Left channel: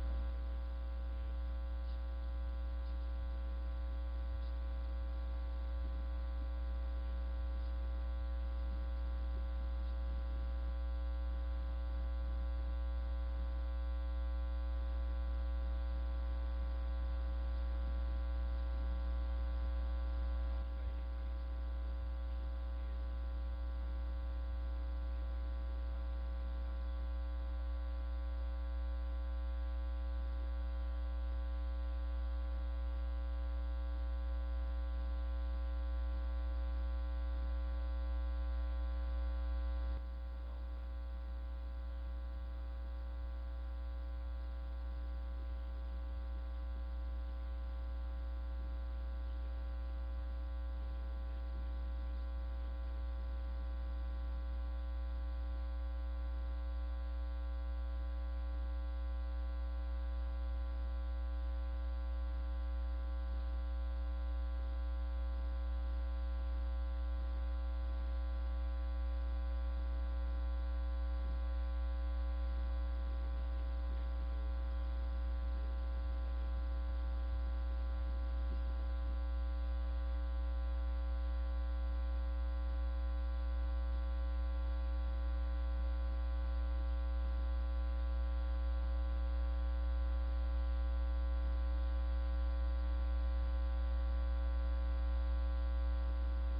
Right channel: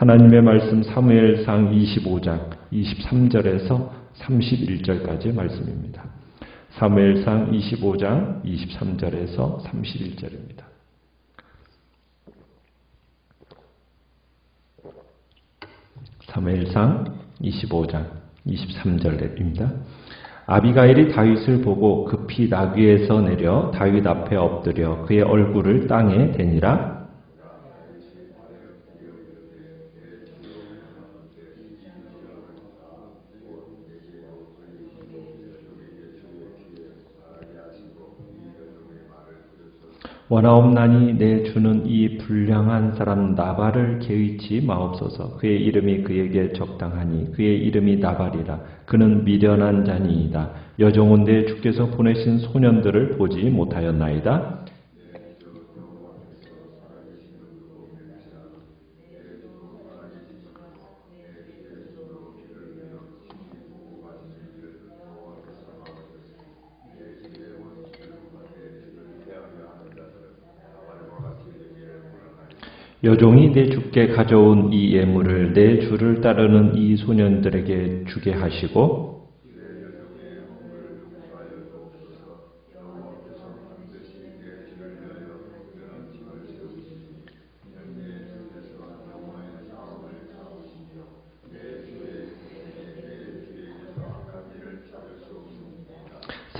하나님의 말씀 사무엘상 25장 23절에서 31절까지의 말씀입니다. 사무엘상 25장 23절에서 31절입니다. 사무엘상 25장 23절입니다. 아비가일이 다윗을 보고 급히 나귀에서 내려 다윗 앞에 엎드려 그의 얼굴을 땅에 대니라. 원하옵나니 내 주는 이 불량한 사람 나발을 개의치 마옵소서. 그의 이름이 그에게 적당하니 그의 이름이 나발이라. 그는 미련한 자니이다. 여종은 내 주께서 보내신 소년들을 보지 못하였나이다. 여종이 내 주께 가져온 이 예물을 내 주를 따르는 이 소년들에게 주게 하시고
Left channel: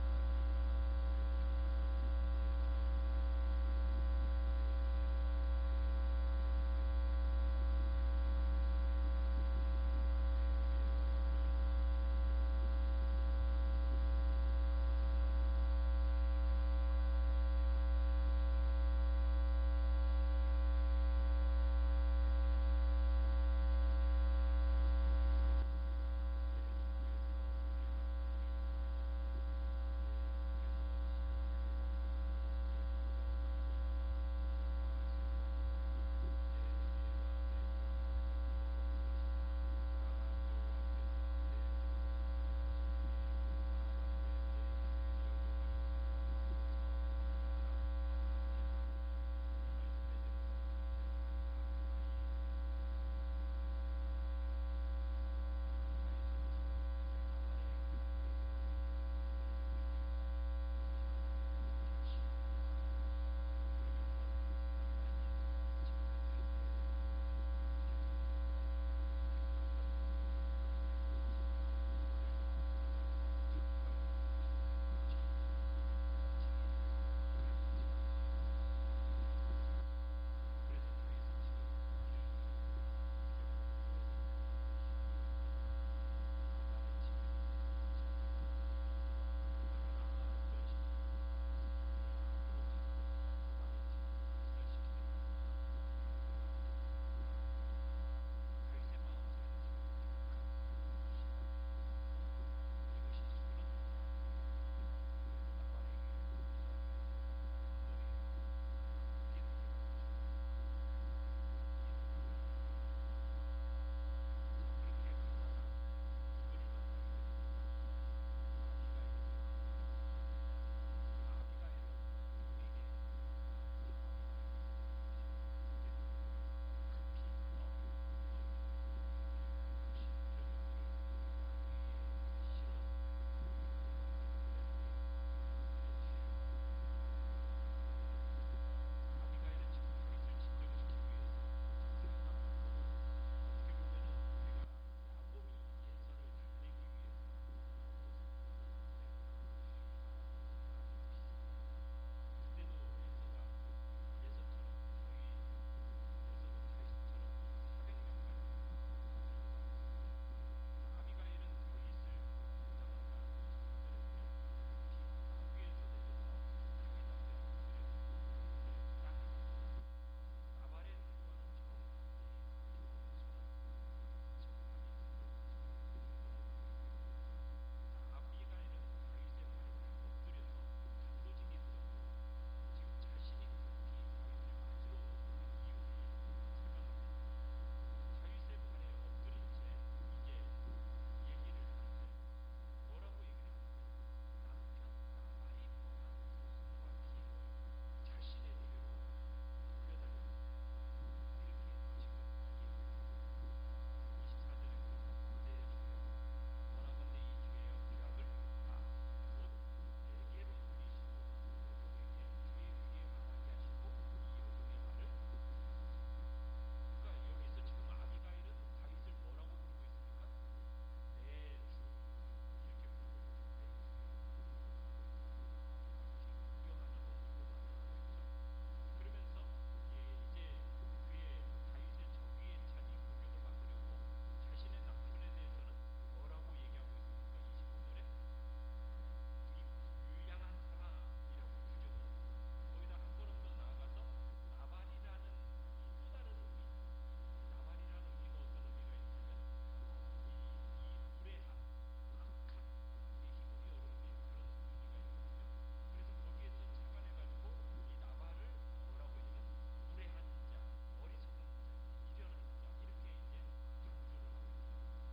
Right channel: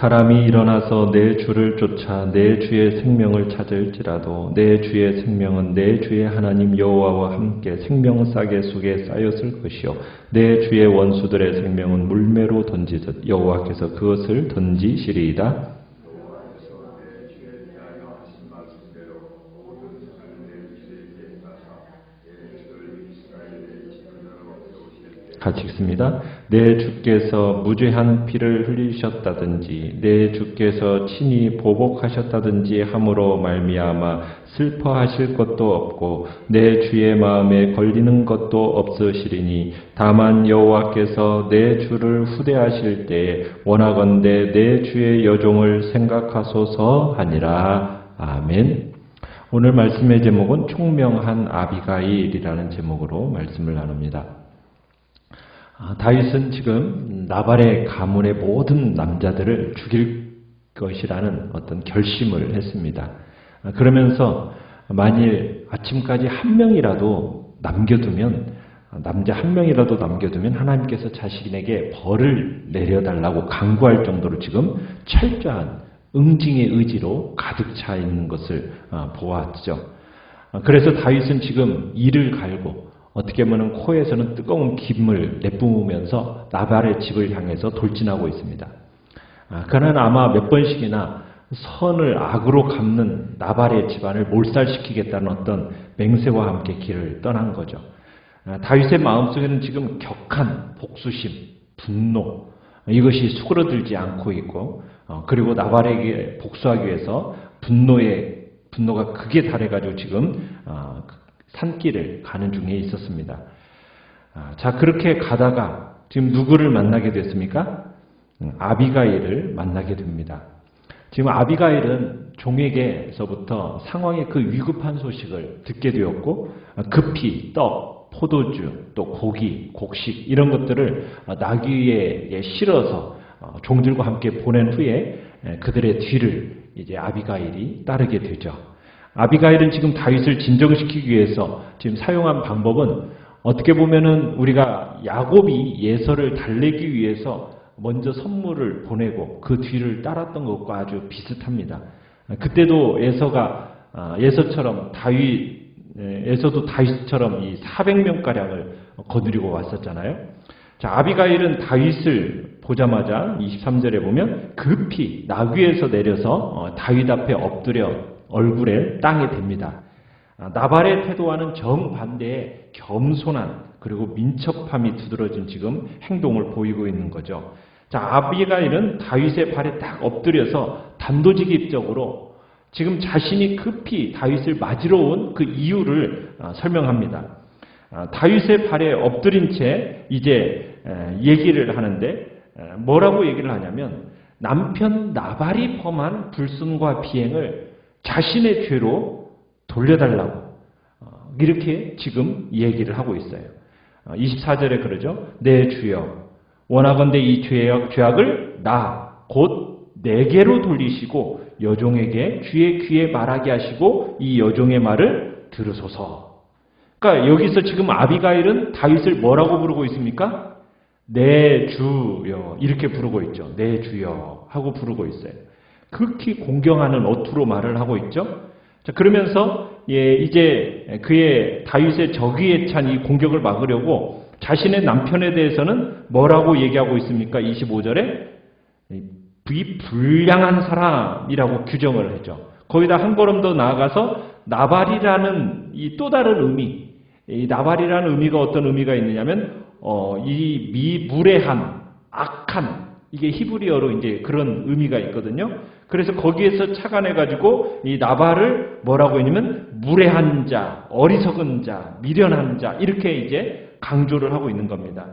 사람이 일어나서 내 주를 쫓아 내 주의 생명을 찾을지라도 내 주의 생명은 내 주의 하나님 여호와와 함께 생명싸개 속에 쌓였을 것이요 내 주의 원수들의 생명은 물매로 던지듯 여호와께서 그것을 던지시리이다. 같이 읽습니다. 내 주께서 무죄한 피를 흘리셨다든지 내 주께서 친히 보복하셨다든지 함으로 말미암아 슬퍼하실 것도 없고 내 주의 마음에 걸리는 것도 없으시리니 다만 여호와께서 내 주를 후대하실 때에 원하건대 내 주의 여종을 생각하소서 하니라. 아멘. 오늘 말씀의 제목은 총명한 아비가일이라는 제목으로 말씀을 나눕니다. 다윗은 지금 나발의 가문의 모든 남자들을 죽일 것이라는 어떤 결심을 했습니다. 그러면서 만일 아침까지 한 명이라도 남겨두면 남자 한 명이라도 남겨두면 하나님께서 자신에게 벌을 내려달라고 강구할 정도로 지금 철저한 응징의 의지로 가득 차 있는 것을 보았죠. 그래서 다윗은 지금 이를 갈고 어떻게 보면 코에서는 뜨거운 김을 내뿜으면서 나발의 집을 향해서 돌진하고 있습니다. 그는 아마 몇 번씩이나 선을 악으로 갚는 나발의 집안을 몰살시키겠다는 어떤 맹세와 함께 길을 떠난 거죠. 다윗의 마음속에는 지금 격한 복수심, 분노 이것이 수그러들지 않고 있고 그리고 나발에게 복수하기 위해서 분노가 극에 달해가지고 지금 산길을 가는 중에 있었습니다. 자, 그렇게 가다가 지금 누구를 만나게 됐습니까? 아비가일을 만나게 됩니다. 지금 아비가일은 종에게서부터 상황의 그 위급한 소식을 듣게 되었고 급히 떡, 포도주, 또 고기, 곡식 이런 것들을 나귀에 실어서 종들과 함께 보낸 후에 그들의 뒤를 이제 아비가일이 따르게 되죠. 아비가일은 지금 다윗을 진정시키기 위해서 지금 사용한 방법은 어떻게 보면은 우리가 야곱이 예서를 달래기 위해서 먼저 선물을 보내고 그 뒤를 따랐던 것과 아주 비슷합니다. 그때도 예서처럼 에서도 다윗처럼 이 400명가량을 거느리고 왔었잖아요. 자, 아비가일은 다윗을 보자마자 23절에 보면 급히 나귀에서 내려서 다윗 앞에 엎드려 얼굴에 땅에 댑니다. 나발의 태도와는 정반대의 겸손한 그리고 민첩함이 두드러진 지금 행동을 보이고 있는 거죠. 자, 아비가일은 다윗의 발에 딱 엎드려서 단도직입적으로 지금 자신이 급히 다윗을 맞으러 온 그 이유를 설명합니다. 다윗의 발에 엎드린 채 이제 얘기를 하는데 뭐라고 얘기를 하냐면 남편 나발이 범한 불순과 비행을 자신의 죄로 돌려달라고 이렇게 지금 얘기를 하고 있어요. 24절에 그러죠. 내 주여 원하건대 이 죄악을 곧 내게로 돌리시고 여종에게 주의 귀에 말하게 하시고 이 여종의 말을 들으소서. 그러니까 여기서 지금 아비가일은 다윗을 뭐라고 부르고 있습니까? 내 주여 이렇게 부르고 있죠. 내 주여 하고 부르고 있어요. 극히 공경하는 어투로 말을 하고 있죠. 자, 그러면서 이제 그의 다윗의 적의에 찬 이 공격을 막으려고 자신의 남편에 대해서는 뭐라고 얘기하고 있습니까? 25절에 이 불량한 사람이라고 규정을 했죠. 거기다 한 걸음 더 나아가서 나발이라는 이 또 다른 의미, 이 나발이라는 의미가 어떤 의미가 있느냐면 이 무례한, 악한, 이게 히브리어로 이제 그런 의미가 있거든요. 그래서 거기에서 착안해가지고 이 나발을 뭐라고 했냐면 무례한 자, 어리석은 자, 미련한 자 이렇게 이제 강조를 하고 있는 겁니다.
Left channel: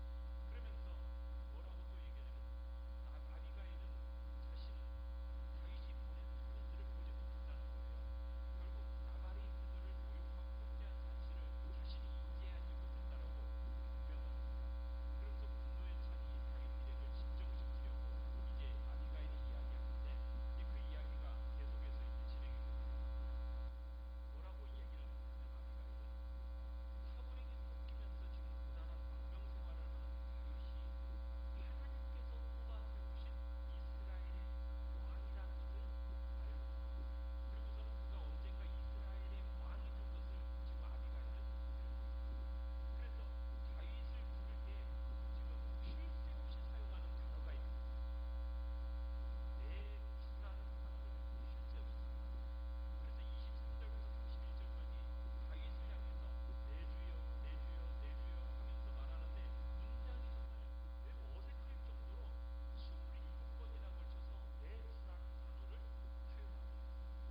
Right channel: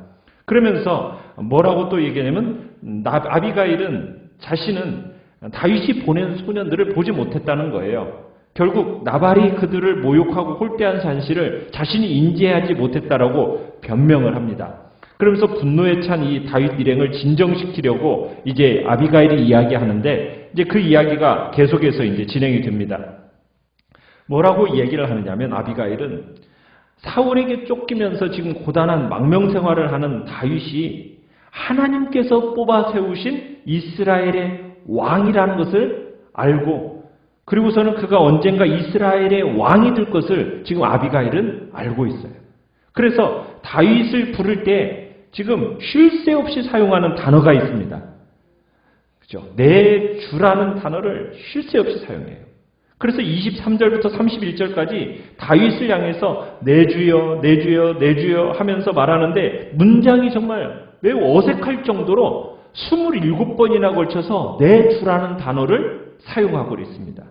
그러면서 뭐라고 또 얘기하냐면 아비가일은 자신은 다윗이 보낸 소년들을 보지 못했다는 거예요. 결국 나발이 그들을 모욕하고 홀대한 사실을 자신이 인지하지 못했다라고 변명을 합니다. 그러면서 분노에 찬 이 다윗 일행을 진정시키려고 이제 아비가일이 이야기하는데 이제 그 이야기가 계속해서 이제 진행이 됩니다. 뭐라고 얘기를 하느냐면 아비가일은 사울에게 쫓기면서 지금 고단한 망명 생활을 하는 다윗이 하나님께서 뽑아 세우신 이스라엘의 왕이라는 것을 알고 그리고서는 그가 언젠가 이스라엘의 왕이 될 것을 지금 아비가일은 알고 있어요. 그래서 다윗을 부를 때 지금 쉴 새 없이 사용하는 단어가 있습니다. 그죠? 내 주라는 단어를 쉴 새 없이 사용해요. 그래서 23절부터 31절까지 다윗을 향해서 내 주여, 내 주여, 내 주여 하면서 말하는데 문장이 정말 매우 어색할 정도로 27번이나 걸쳐서 내 주라는 단어를 사용하고 있습니다.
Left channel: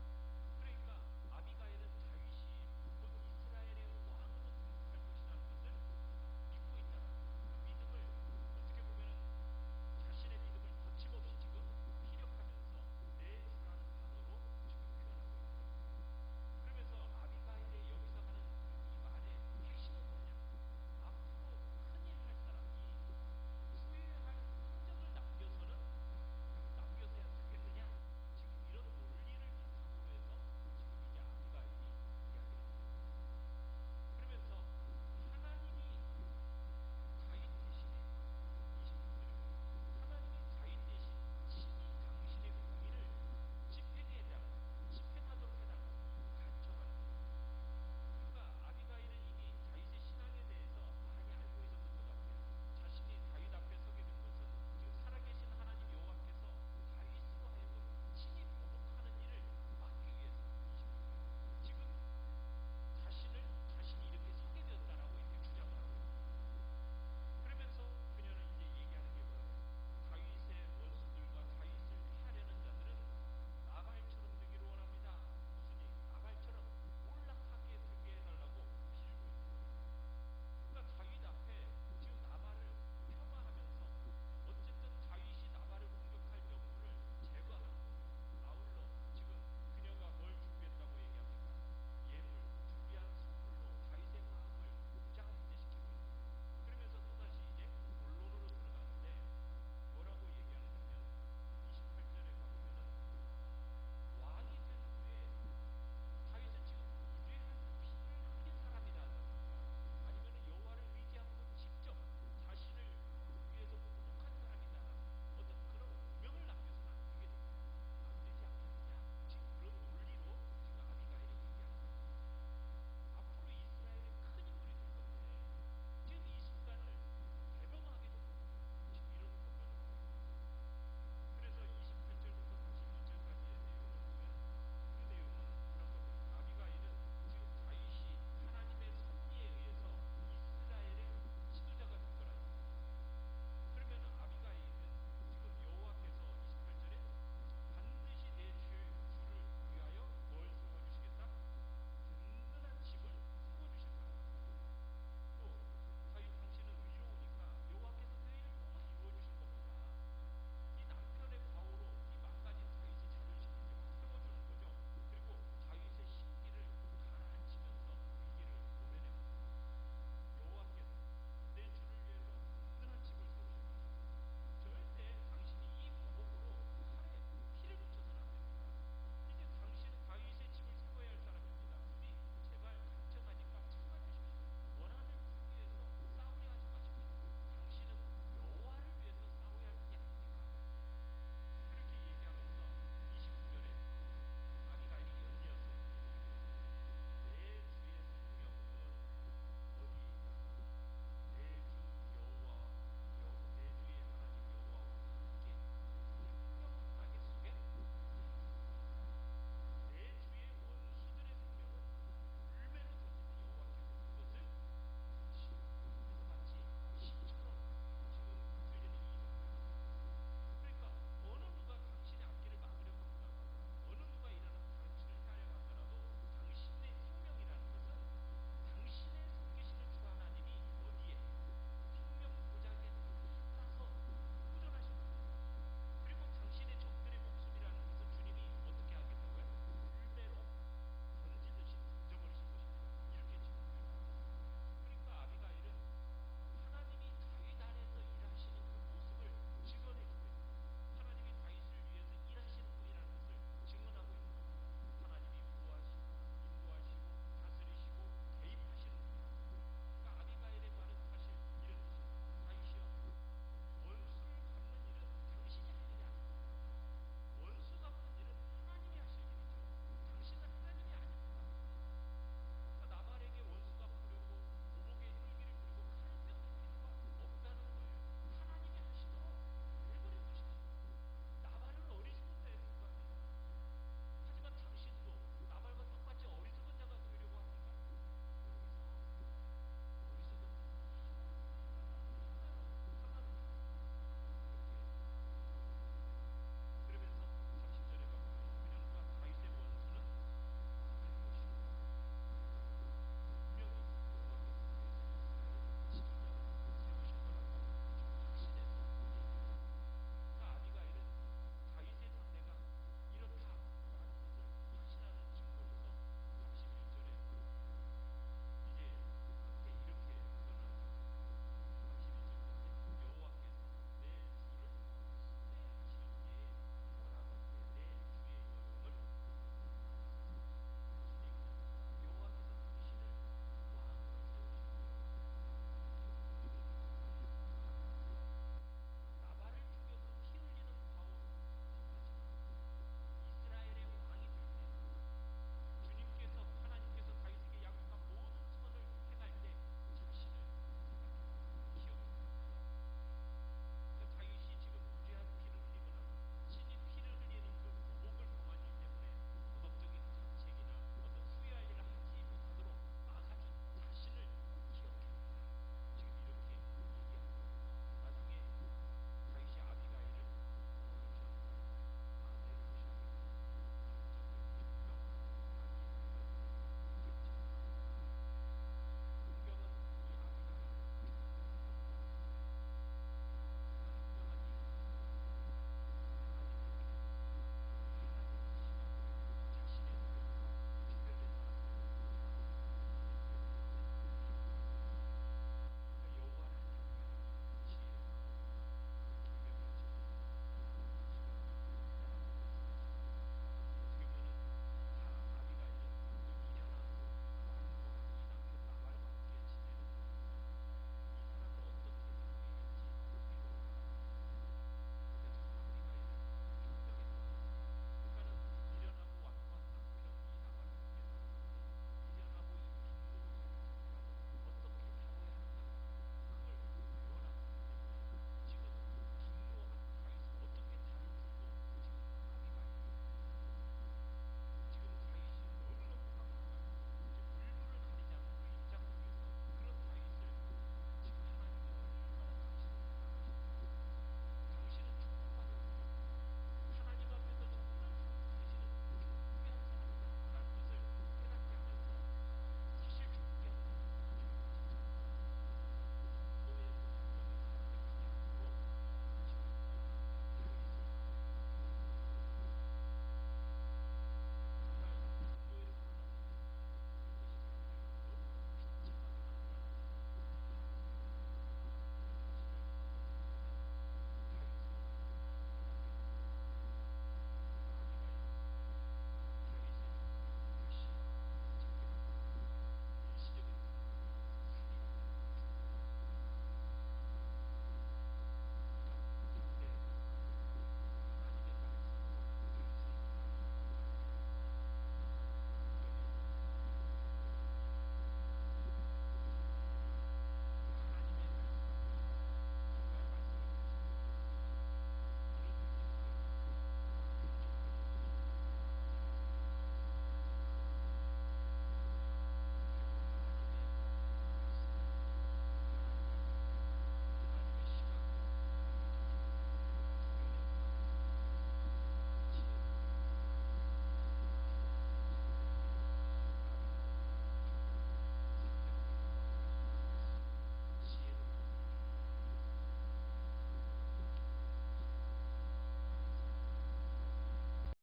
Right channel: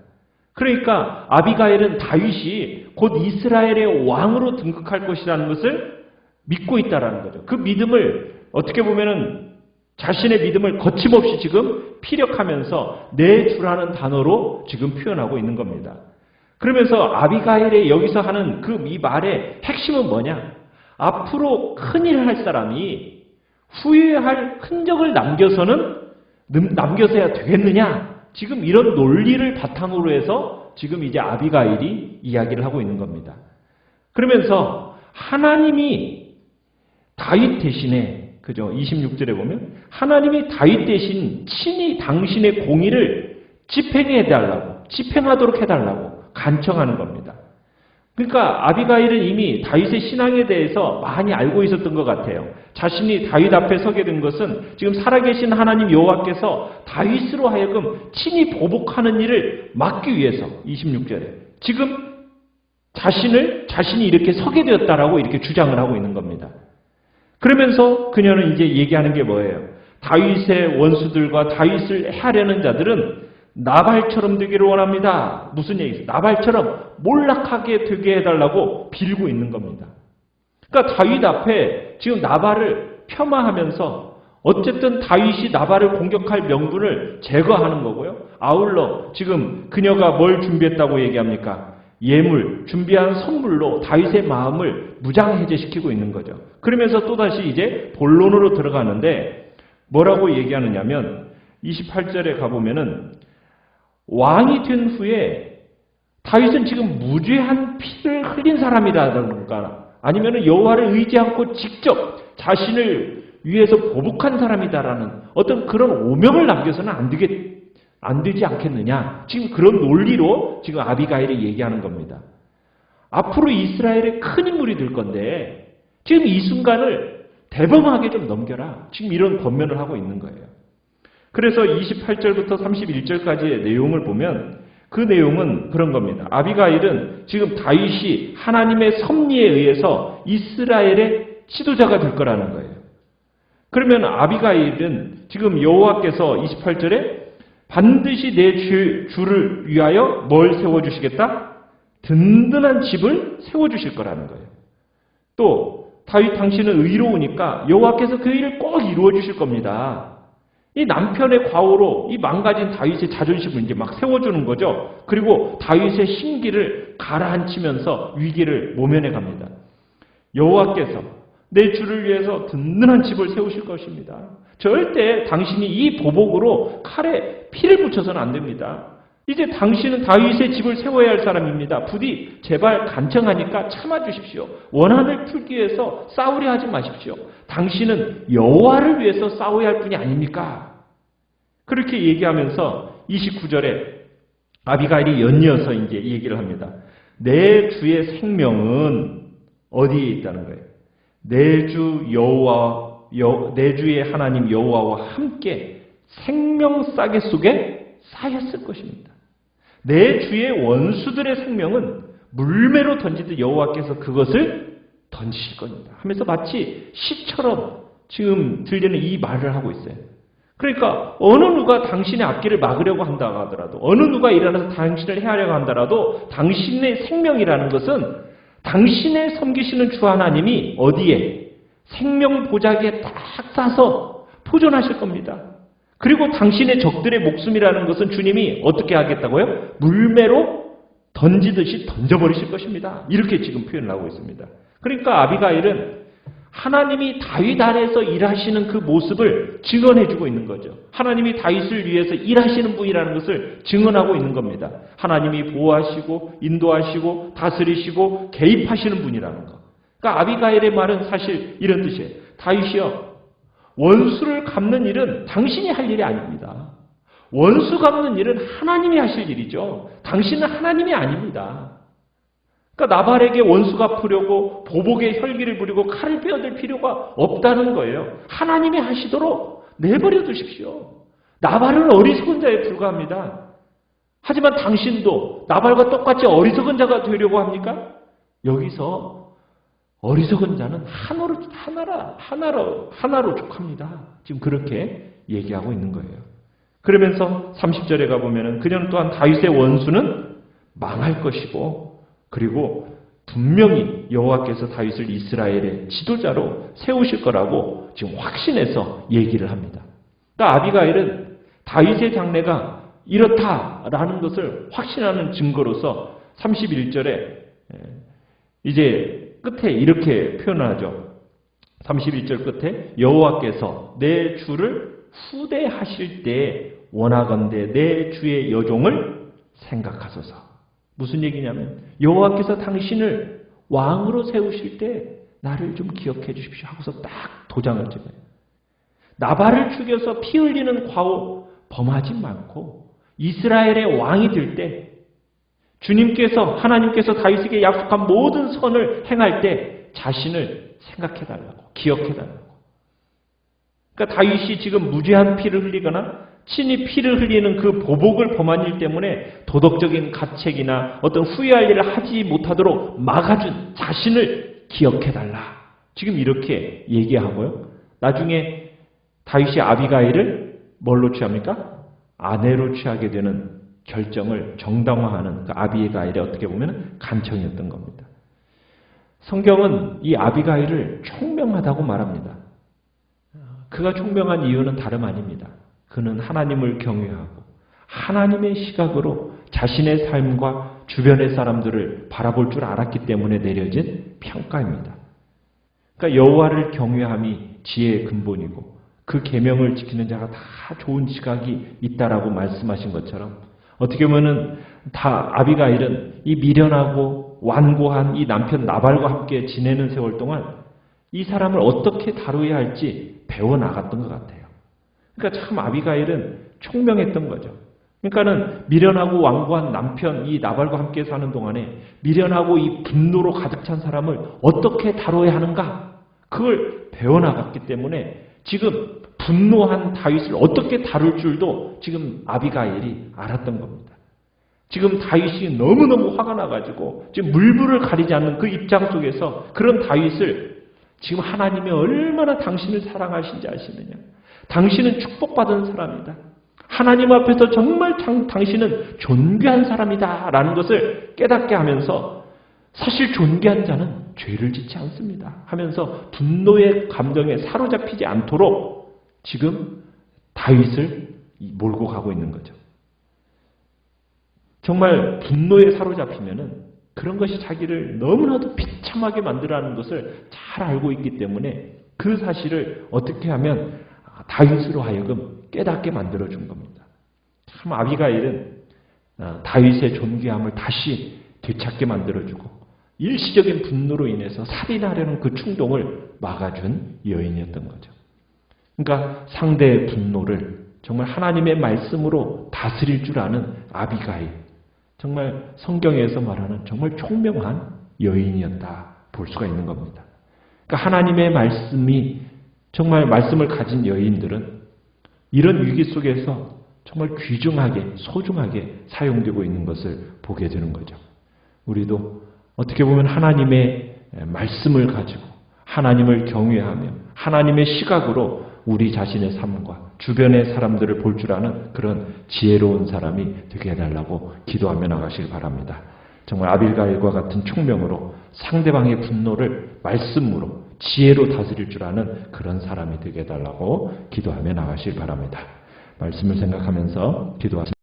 그러니까 아비가일은 다윗이 곧 이스라엘의 왕으로 등극할 것이라는 것을 믿고 있다라는 거죠. 그 믿음을 어떻게 보면은 자신의 믿음을 거침없이 지금 피력하면서 내 주라는 단어로 지금 표현하고 있는 겁니다. 그러면서 아비가일의 여기서 하는 그 이 말의 핵심은 뭐냐? 앞으로 큰일을 할 사람이 후회할 흔적을 남겨서야 되겠느냐? 지금 이런 논리를 바탕으로 해서 지금 이제 아비가일이 이야기를 하고 있는 겁니다. 그러면서 하나님이 다윗 대신에 그죠? 26절에 보면 하나님이 다윗 대신 친히 당신의 공의를 집행하도록 해달라고 간청하는 겁니다. 그러니까 아비가일은 이미 다윗의 신앙에 대해서 많이 알고 있었던 것 같아요. 자신이 다윗 앞에 서게 된 것은 지금 살아계신 하나님 여호와께서 다윗으로 하여금 친히 보복하는 일을 막기 위해서 26절에 지금 자신이 이렇게 서게 되었다라고 이렇게 주장을 하고 있는 겁니다. 그러면서 그녀는 이제 얘기하는 게 뭐예요? 다윗의 원수들과 다윗을 해하려는 자들은 나발처럼 되기를 원합니다. 무슨 얘기죠? 나발처럼 몰락하게 되게 해달라고 빌고 있는 겁니다. 그러니까 다윗 앞에 지금 나발을 폄하하면서 어쨌든 다윗이 나발을 공격할 명분을 제거하는 거고요. 아울러 지금 그녀가 뭘 준비했다고 얘기합니까? 예물, 준비한 선물로 다윗의 마음을 무장해제시키고 있는 거죠. 그러면서 또다시 이제 본론으로 들어가는데 뭐라고 얘기하느냐면 28절에 가보면은 왕이 된 후에 다윗은 지금 무죄한 피를 흘린 사람이라든가 아니면 여호와를 의지 않고 직접 자신을 위해서 보복한 사람이다라는 어떤 그런 오명을 남겨서는 안 되지 않겠느냐. 지금 그런 논리로 지금 아비가일이 얘기하는 겁니다. 앞으로 이스라엘에 큰 인물이 될 건데 지금 이 순간을 대범하게 좀 넘겨라. 지금 이런 권면을 하고 있는 거예요. 그래서 28절부터 31절까지의 내용을 보면 그 내용은 그런 겁니다. 아비가일은 지금 다윗이 하나님의 섭리에 의해서 이스라엘의 지도자가 될 거라는 거예요. 그러면 아비가일은 지금 여호와께서 28절에 반드시 내 주를 위하여 뭘 세워주시겠다? 든든한 집을 세워주실 거라는 거예요. 또 다윗 당신은 의로우니까 여호와께서 그 일을 꼭 이루어 주실 겁니다. 이 남편의 과오로 이 망가진 다윗의 자존심을 이제 막 세워주는 거죠. 그리고 다윗의 심기를 가라앉히면서 위기를 모면해 갑니다. 여호와께서 내 주를 위해서 든든한 집을 세우실 것입니다. 절대 당신이 이 보복으로 칼에 피를 묻혀서는 안 됩니다. 이제 당신은 다윗의 집을 세워야 할 사람입니다. 부디 제발 간청하니까 참아주십시오. 원한을 풀기 위해서 싸우려 하지 마십시오. 당신은 여호와를 위해서 싸워야 할 분이 아닙니까? 그렇게 얘기하면서 29절에 아비가일이 연이어서 이제 얘기를 합니다. 내 주의 생명은 어디에 있다는 거예요? 내 주의 하나님 여호와와 함께 생명 싸개 속에 쌓였을 것입니다. 내 주의 원수들의 생명은 물매로 던지듯 여호와께서 그것을 던지실 겁니다. 하면서 마치 시처럼 지금 들리는 이 말을 하고 있어요. 그러니까 어느 누가 당신의 앞길을 막으려고 한다 하더라도, 어느 누가 일어나서 당신을 해하려고 한다라도 당신의 생명이라는 것은 당신의 섬기시는 주 하나님이 어디에? 생명 보자기에 딱 싸서 보존하실 겁니다. 그리고 당신의 적들의 목숨이라는 것은 주님이 어떻게 하겠다고요? 물매로 던지듯이 던져버리실 것입니다. 이렇게 지금 표현을 하고 있습니다. 그러니까 아비가일은 하나님이 다윗 아래에서 일하시는 그 모습을 증언해주고 있는 거죠. 하나님이 다윗을 위해서 일하시는 분이라는 것을 증언하고 있는 겁니다. 하나님이 보호하시고 인도하시고 다스리시고 개입하시는 분이라는 거. 그러니까 아비가일의 말은 사실 이런 뜻이에요. 다윗이여, 원수를 갚는 일은 당신이 할 일이 아닙니다. 원수 갚는 일은 하나님이 하실 일이죠. 당신은 하나님이 아닙니다. 그러니까 나발에게 원수 갚으려고 보복의 혈기를 부리고 칼을 빼어들 필요가 없다는 거예요. 하나님이 하시도록 내버려 두십시오. 나발은 어리석은 자에 불과합니다. 하지만 당신도 나발과 똑같이 어리석은 자가 되려고 합니까? 여기서 어리석은 자는 하나로 족합니다. 지금 그렇게 얘기하고 있는 거예요. 그러면서 30절에 가보면은 그녀는 또한 다윗의 원수는 망할 것이고, 그리고 분명히 여호와께서 다윗을 이스라엘의 지도자로 세우실 거라고 지금 확신해서 얘기를 합니다. 그러니까 아비가일은 다윗의 장래가 이렇다라는 것을 확신하는 증거로서 31절에 이제 끝에 이렇게 표현하죠. 31절 끝에 여호와께서 내 주를 후대하실 때 원하건대 내 주의 여종을 생각하소서. 무슨 얘기냐면 여호와께서 당신을 왕으로 세우실 때 나를 좀 기억해 주십시오 하고서 딱 도장을 찍어요. 나발을 죽여서 피 흘리는 과오 범하지 않고 이스라엘의 왕이 될 때 주님께서 하나님께서 다윗에게 약속한 모든 선을 행할 때 자신을 생각해달라고, 기억해달라고. 그러니까 다윗이 지금 무죄한 피를 흘리거나 친히 피를 흘리는 그 보복을 범한 일 때문에 도덕적인 가책이나 어떤 후회할 일을 하지 못하도록 막아준 자신을 기억해달라. 지금 이렇게 얘기하고요. 나중에 다윗이 아비가일을 뭘로 취합니까? 아내로 취하게 되는 결정을 정당화하는 그 아비가일의 어떻게 보면 간청이었던 겁니다. 성경은 이 아비가일을 총명하다고 말합니다. 그가 총명한 이유는 다름 아닙니다. 그는 하나님을 경외하고 하나님의 시각으로 자신의 삶과 주변의 사람들을 바라볼 줄 알았기 때문에 내려진 평가입니다. 그러니까 여호와를 경외함이 지혜의 근본이고 그 계명을 지키는 자가 다 좋은 지각이 있다라고 말씀하신 것처럼 어떻게 보면은 다 아비가일은 이 미련하고 완고한 이 남편 나발과 함께 지내는 세월 동안 이 사람을 어떻게 다루어야 할지 배워나갔던 것 같아요. 그러니까 참 아비가일은 총명했던 거죠. 그러니까는 미련하고 완고한 남편 이 나발과 함께 사는 동안에 미련하고 이 분노로 가득 찬 사람을 어떻게 다뤄야 하는가 그걸 배워나갔기 때문에 지금 분노한 다윗을 어떻게 다룰 줄도 지금 아비가일이 알았던 겁니다. 지금 다윗이 너무너무 화가 나가지고 지금 물불을 가리지 않는 그 입장 속에서 그런 다윗을 지금 하나님이 얼마나 당신을 사랑하신지 아시느냐. 당신은 축복받은 사람이다. 하나님 앞에서 정말 당신은 존귀한 사람이다 라는 것을 깨닫게 하면서 사실 존귀한 자는 죄를 짓지 않습니다 하면서 분노의 감정에 사로잡히지 않도록 지금 다윗을 몰고 가고 있는 거죠. 정말 분노에 사로잡히면은 그런 것이 자기를 너무나도 비참하게 만들어가는 것을 잘 알고 있기 때문에 그 사실을 어떻게 하면 다윗으로 하여금 깨닫게 만들어준 겁니다. 참 아비가일은 다윗의 존귀함을 다시 되찾게 만들어주고 일시적인 분노로 인해서 살인하려는 그 충동을 막아준 여인이었던 거죠. 그러니까 상대의 분노를 정말 하나님의 말씀으로 다스릴 줄 아는 아비가일, 정말 성경에서 말하는 정말 총명한 여인이었다 볼 수가 있는 겁니다. 그러니까 하나님의 말씀이 정말 말씀을 가진 여인들은 이런 위기 속에서 정말 귀중하게 소중하게 사용되고 있는 것을 보게 되는 거죠. 우리도 어떻게 보면 하나님의 말씀을 가지고 하나님을 경외하며 하나님의 시각으로 우리 자신의 삶과 주변의 사람들을 볼 줄 아는 그런 지혜로운 사람이 되게 해달라고 기도하며 나가시길 바랍니다. 정말 아빌가일과 같은 총명으로 상대방의 분노를 말씀으로 지혜로 다스릴 줄 아는 그런 사람이 되게 해달라고 기도하며 나가시길 바랍니다. 말씀을 생각하면서 기도하십니다.